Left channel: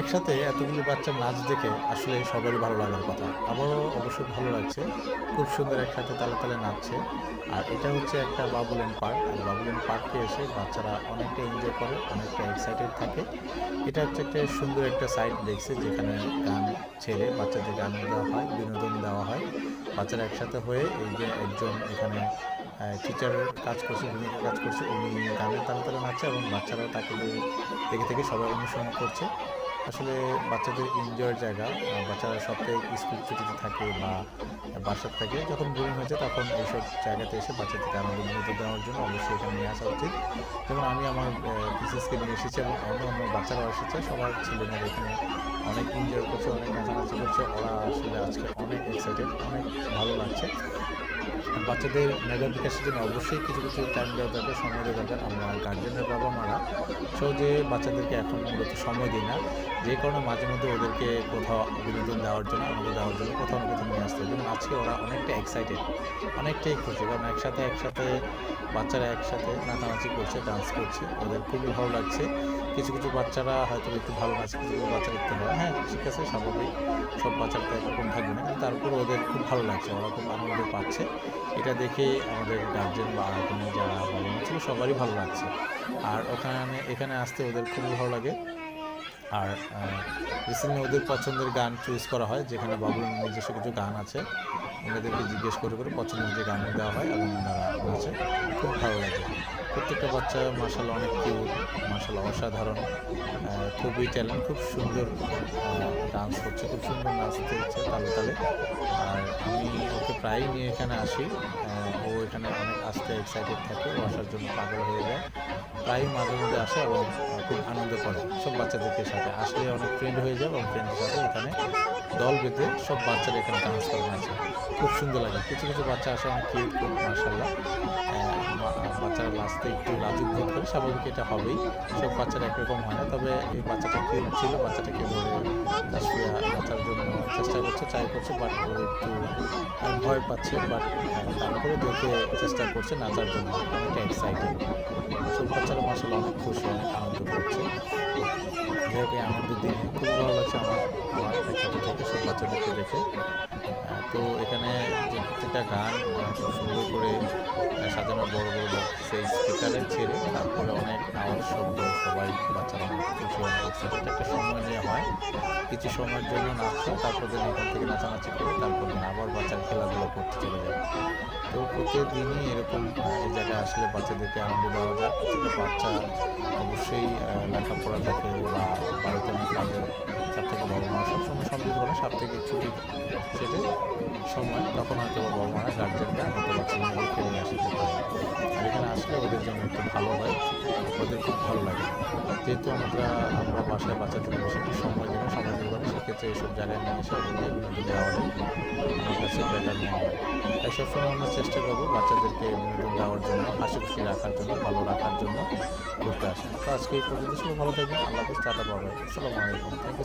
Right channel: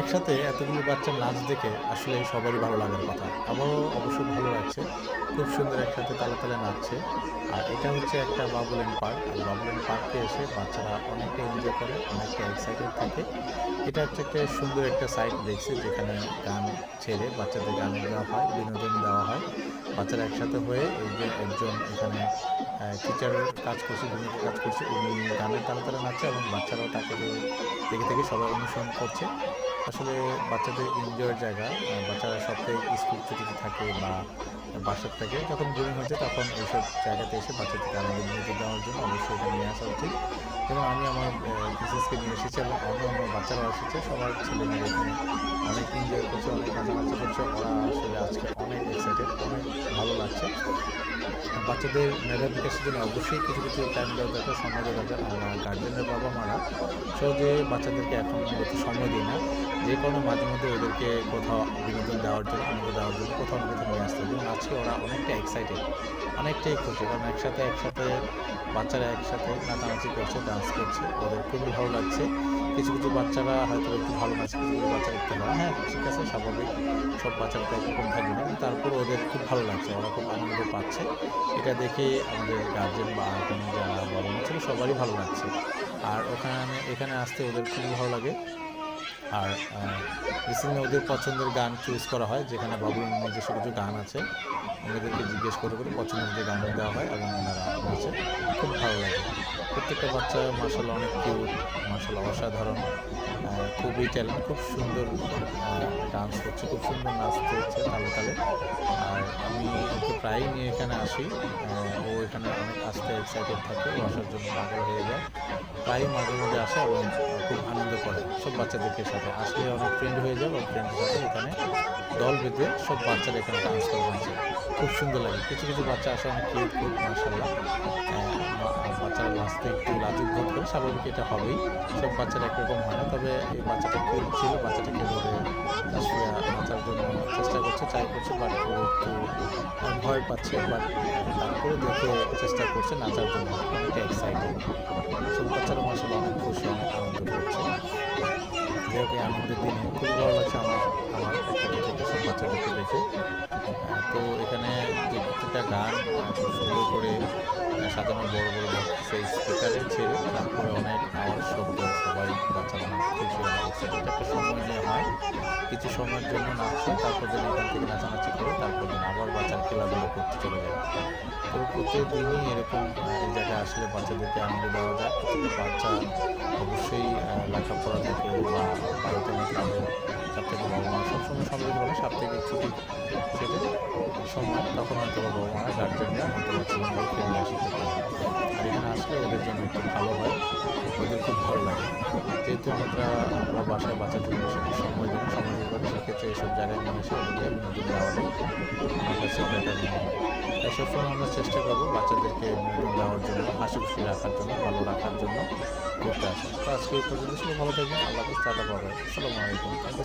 একসাথে এতগুলো বাচ্চার নাচ দেখে আসলে সবারই ভালো লাগার কথা। আমারও অবশ্য ভালো লাগছে। খুব সুন্দর একসাথে তালে, তালে নাচছে। আর এটা হচ্ছে একটা বাবুল্যান্ড পার্ক। আর বাবুল্যান্ড পার্কে এসে বাচ্চারা অনেকটা এনজয় করে, অনেকটা এক্সাইটেড থাকে। এটা হচ্ছে একটা সুন্দর একটা সাইট দেখছি যেখানে গান ছেড়ে বাচ্চাদেরকে আনন্দ দেওয়া হয়, বিনোদন দেওয়া হয়। বাচ্চারা একসাথে হয়ে এই যে একজন এখানে টিচার কাজ করছে, ভূমিকা কাজ করছে। উনি গানের তালে, তালে নাচছে এবং বাচ্চারাও তাকে দেখে, দেখে সবাই অনুসরণ করছে। আসলে বাচ্চাদের এনজয়ের জায়গা। বাচ্চারা সপ্তাহে স্কুল ছুটিতে থাকে বা বাসাতে থাকে। যখন বোরিং হয়ে যায় তখন এইসব জায়গাতে এসে বাচ্চাদেরকে আনন্দ বিনোদন দেওয়ার জন্য অবশ্যই এখানে নিয়ে আসা উচিত। যেমন আমি আমার মিসেসকে নিয়ে এসেছি এবং অন্য অন্য বাচ্চারাও এসেছে। সবার ছেলেমেয়েরা এখানে অনেক এনজয় করছে, অনেক নাচানাচি করছে। ওরা আসলে আজকে অনেক এক্সাইটেড, অনেক ভালো লাগছে। বাচ্চাদের মেধা বিকাশের জন্য অবশ্যই কিছু কিছু টাইম দেওয়া দরকার, সময় দেওয়া দরকার। আমরা গার্জেনের বাবা মারা সহজে বাচ্চাদেরকে এখন মূলত সময় দিই না, যে কারণে মাঝে মধ্যে ওদেরকে কোথাও বিনোদন দেওয়ার জন্য, আনন্দ দেওয়ার জন্য কোথাও না কোথাও নিয়ে আসতে হয়। যেমন আজকে ওরা অনেকটা এক্সাইটেড, অনেকটাই খুশি, কারণ একসাথে একসাথে বাচ্চারা একসাথে নাচানাচি করছে, ডান্স করছে, ওদের খুবই ভালো লাগছে। কিছু কিছু বাচ্চারা হয়তো একটু ভালো নাচে, কিছু কিছু বাচ্চারা একটু হয়, হ্যাঁ ঠিক আছে, স্বাভাবিক, সব বাচ্চার তো একরকম থাকবে না, কিন্তু তারপরে ওদের খুব ভালো লাগছে, ওরা খুব আনন্দ পাচ্ছে। এটা দেখে আমাদের গার্জেন বা এখানে যারা বাবা মা ছিল সবারই ভালো লাগছে। আর এখানে আসতে ওদের খুবই ভালো লাগে। আর রিসেন্টলি ওদের পছন্দের গান চুজ করা হয়, যেখানে বাবুর নিজস্ব কিছু গান আছে। ওনাদেরকে জিজ্ঞেস করে করে পছন্দের যে গান দেওয়া হয় এবং ওনারা নাচে, খুব ভালো লাগে। প্রত্যেকটা বাচ্চা মাশাআল্লাহ অনেক কিউট, মাশাআল্লাহ অসাধারণ, খুবই ট্যালেন্ট, খুব সুন্দর ডান্স করছে, খুব সুন্দর নাচতে হচ্ছে তালে তালে। আর আমি ওকে প্রায়ই নিয়ে এখানে আসি। ও এখানে অনেক আসতে এক্সাইটেড থাকে, ও আসার জন্য পাগল হয়ে যায়। প্রায়ই মাঝে মধ্যে আসে এবং খুব আনন্দ করে সব বাচ্চাদেরকে সাথে আসলে, অনেক ফ্রেন্ড হয়ে যায় এবং ফ্রেন্ডের সাথে এখানে দল বেঁধে সব বাচ্চারা এখানে ডান্স করে নাচে, খুব সুন্দর লাগে। কিছু কিছু বাচ্চা আসে অনেক কিউট খুব, মার্শাল্লাহ। বাচ্চারা লাস্টে একটু লাজুক বোধ করে, স্বাভাবিক, এটা হবেই, সব বাচ্চারা একরকম হয় না। তবে এই বাচ্চাটা কিউট ছিল, বাচ্চাটাকে ধরে তাসফিয়া নাচার জন্য চেষ্টা করছে, ট্রাই করছে, বাট ও একটু ভয় পাচ্ছে, বাট তারপরে দেখে চেষ্টা করছে নাচার জন্য, অনেকটা এক্সাইটেড। সব বাচ্চারা মার্শাল্লাহ অনেক খুশি, অনেক আনন্দ করছে। যাই হোক, এই আনন্দের দিনে খুবই ভালো লাগছে আমার আমার একসাথে থেকে সব বাচ্চাদেরকে দেখে। তো এখানে যে প্রত্যেকটা গান খুব সুন্দর করে সাজানো, বড় বড় বক্সে স্পিকারে ছেড়ে তারপরে অনেক আওয়াজ, শব্দ, সবাই বাচ্চারা অনেক খুশি, অনেক এক্সাইটেড। এটা একটা সময় নেওয়া হয়, কিছু সময়ের জন্য নাচ হয়, তারপর দিন এখান থেকে নাচানাচি করে তারপর দিন আবার বাচ্চার খেলাধুলো করতে চলে যায়। তো প্রতিদিনই এরকম এই জায়গায় আসলে বাচ্চাদেরকে আনন্দ দেওয়া যায়। প্রত্যেকটা বাচ্চা অবশ্যই লেখাপড়া থাকে বা বাড়িতে অনেক কাজের চাপ থেকে বাবা মা সবসময় সময় দিতে পারে, সাপ্তাহিক ছুটি সেটে সময়, তখন হয়তো বাবা মারা, গার্জেনরা হয়তো বা ছেলেমেয়েদেরকে নিয়ে আসতে পারে। আর এখানে আসলে ওদের জন্য একটু ভালো হয়, ওদের খুব ভালো লাগে। যেহেতু আমরা বাসায় বাচ্চাদেরকে বেশি একটু সময় দিতে পারি, সেক্ষেত্রে এইসব জায়গায় নিয়ে এসে ওদেরকে বিনোদন দেওয়াটাই আমার কাছে বেটার মনে হয়। তাই সবসময় আমরা চেষ্টা করবো বাচ্চাদেরকে বিনোদন দেওয়ার জন্য, হাসি খুশি রাখার জন্য, ভালো রাখার জন্য ঘুরতে আসা। তো আজকে এই পর্যন্ত, সবাই ভালো থাকবেন, আল্লাহ হাফেজ, টাটা, বাই বাই, আসসালামু আলাইকুম, থ্যাংক ইউ।